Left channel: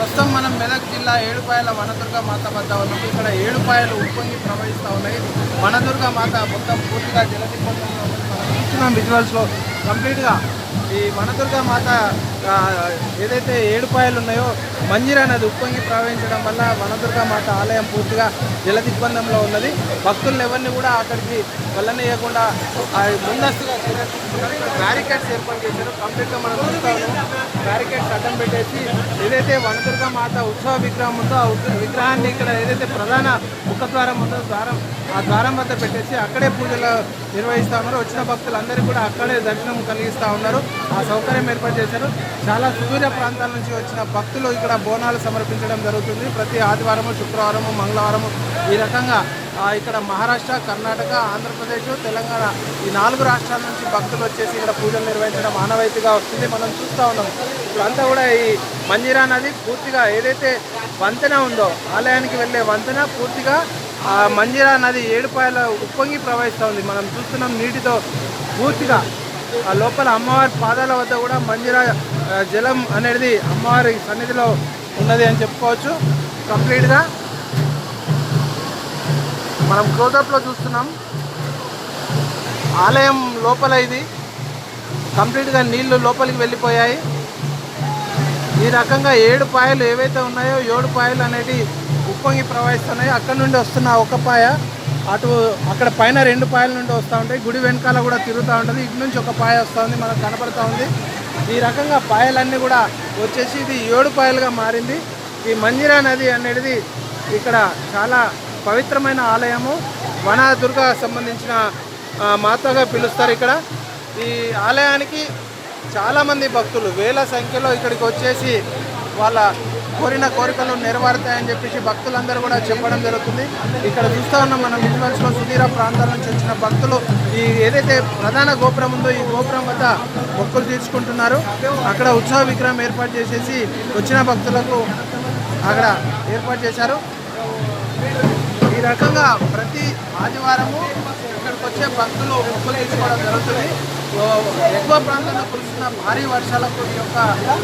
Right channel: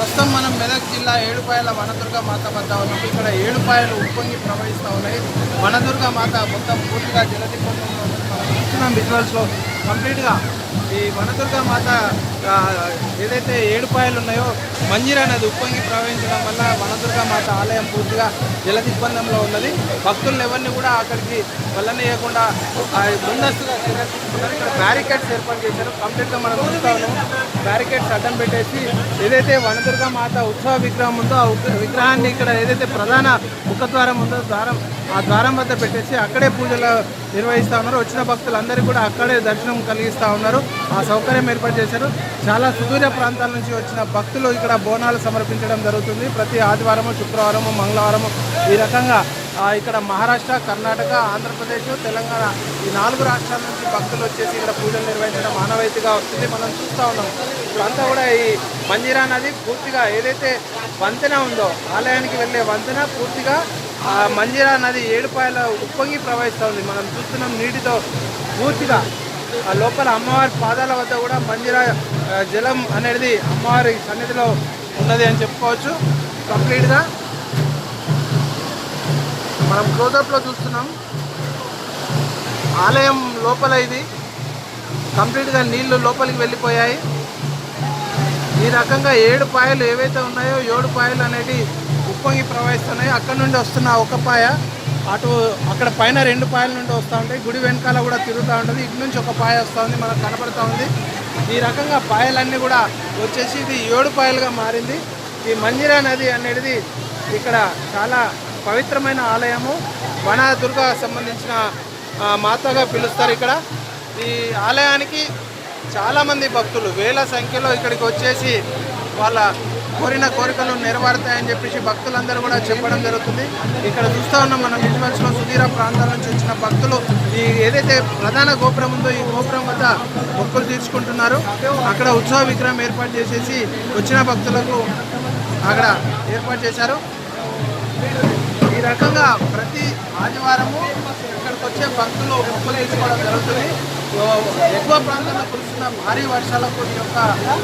ప్రస్తుతం మనం మెదక్ జిల్లా ఏడుపాయల వనదుర్గ మాత వద్ద ఉన్నాము. ఇక్కడ ఏడుపాయలు ఉప్పొంగి ప్రవహిస్తూ ఉన్నాయి. వనదుర్గ మాత మొత్తం పూర్తిగా జలదిగ్బంధంలో విజువల్స్లో కంప్లీట్గా ఈ వనదుర్గ మాత ఏదైతే ఏడుపాయలు ఉన్నాయో మంజిరా నది ఉప్పొంగి ప్రవహించడం వల్ల వనదుర్గ మాత ఆలయం పూర్తిగా జలదిగ్బంధంలో ఉన్నది. భక్తులను ఎవరిని కూడా అక్కడికి వెళ్ళనీయకుండా ముందస్తుగా చర్యలు తీసుకున్నారు. ఇక్కడ బ్యారికేడ్స్ ఏర్పాటు చేశారు. కంప్లీట్గా మనం చూస్తా ఉన్నాం. బ్యారికేడ్స్ అడ్డం పెట్టేసి ఏదైతే వనదుర్గ మాత ఉత్సవ విగ్రహం ఉందో ఆ విగ్రహాన్ని ఇక్కడ ఏదైతే ప్రధాన ముఖద్వారం ఉందో ఆ ద్వారం వద్ద పెట్టేసి అక్కడే పూజలు నిర్వహిస్తూ ఉన్నారు. వచ్చిన భక్తులందరికీ కూడా అక్కడే దర్శనం కలిగిస్తూ ఉన్నారు. ఆ సౌకర్యం ఏర్పాటు చేశారు. చాలా సుదూర ప్రాంతాల నుంచి వచ్చిన భక్తులు ఇక్కడ బోనాలు సమర్పించడం జరుగుతుంది. ప్రతి ఆదివారము, శుక్రవారము, మంగళవారము ఈ రకంగా ఇక్కడ మహారాష్ట్ర, కర్ణాటక, ఆంధ్రప్రదేశ్, తెలంగాణ ఈ 4 రాష్ట్రాల నుంచి భక్తులు వచ్చేసి ఇక్కడ పూజలు నిర్వహించడం ఆనవాయితీగా వస్తుంది. మనం చూస్తూ ఉన్నాం. ఇదంతా కూడా ఈ మంజీరా నది పూర్తిగా ఏదైతే వంతెన ఉందో ఆలయానికి వెళ్ళే వంతెన పూర్తిగా మంజీరా నది ఏడుపాయల ఉప్పొంగి ప్రవహిస్తోంది. మనం చూస్తున్నాం నీటితో పూర్తిగా ఆ లోపల అమ్మవారి పాదాల వద్ద కూడా మంజీరా జలం అనేది అమ్మవారి సన్నిధిలో ఉన్నది అని చెప్పుకోవచ్చు. కంప్లీట్గా మనం క్లోజప్లో చూస్తున్నాం. ఆలయం లోపల ఇది కంప్లీట్గా నీళ్లు లోపలికి వెళ్ళిపోయాయి. ఈ రకంగా 7 పాయలు ఏవైతే ఉన్నాయో 7 పాయలు అనేది ఉప్పొంగి ప్రవహిస్తున్నాయి. అక్కడ నుండి వస్తున్న ఒక పాయ అక్కడ పైన 2 పాయల నుండి వస్తూ ఉంటాయి. గుడి వెనకాల కూడా తిరుగుతూ ఉంటుంది. ఇటు నుంచి ఒక పాయ వస్తూ ఉంది, మనకు కనపడుతూ ఉంది. ఈ రకంగా పాయలన్నీ కూడా వచ్చేసి ఇది 7 పాయలుగా మారింది. ఈ మంజీరా నది అనేది ఇక్కడ చాలా పవిత్రమైన ఆలయము. వనదుర్గ సంబంధించిన మాతగా పిలుస్తారు. ఇక్కడ ఈ ఆలయానికి చాలామంది భక్తులు వేల సంఖ్యలో ఇక్కడికి వచ్చేసి వాళ్ళ కోరిన కోరికలు నెరవేరుతాయని చెప్పేసి భక్తులందరూ కూడా చెప్పడం జరుగుతుంది. ఇక్కడ చూస్తూ ఉన్నాం మనం విజువల్స్లో సుదీర ప్రాంతాల నుంచి వచ్చిన భక్తులు ఈ ఏదైతే ప్రధాన గోపురం ఉందో ఈ గోపురం వద్ద మొక్కులు తీసుకుంటున్నారు. అక్కడ ఉత్సవ విగ్రహం ఏర్పాటు చేసేసి వచ్చిన భక్తులకు అక్కడ ఏర్పాటు చేశారు. ఈ రకంగా ప్రతి ఆదివారము ఇక్కడికి వచ్చే భక్తులు మొక్కులు తీసుకోవడం జరుగుతుంది. ఎక్కువ ప్రాంతాల్లో కురుస్తున్న భారీ వర్షాలకు ఈ యొక్క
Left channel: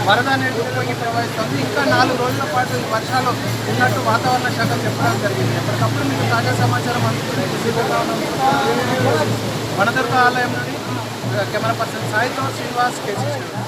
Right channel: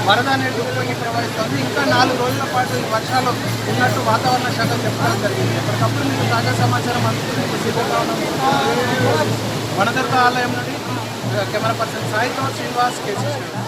వరద అనేది ఉప్పొంగి ప్రవహిస్తుంది. ఇంకా 4 రోజుల పాటు ఈ వర్షాలు ఉన్నట్టు వాతావరణ శాఖ చెప్పడం జరిగింది. ఎప్పటికప్పుడు మీకు తాజా సమాచారం అందించేందుకు సిద్ధంగా ఉన్నాం. వనదుర్గ ఆలయం నుండి కెమెరా పర్సన్ సాయితో శ్రీనివాస్, K6.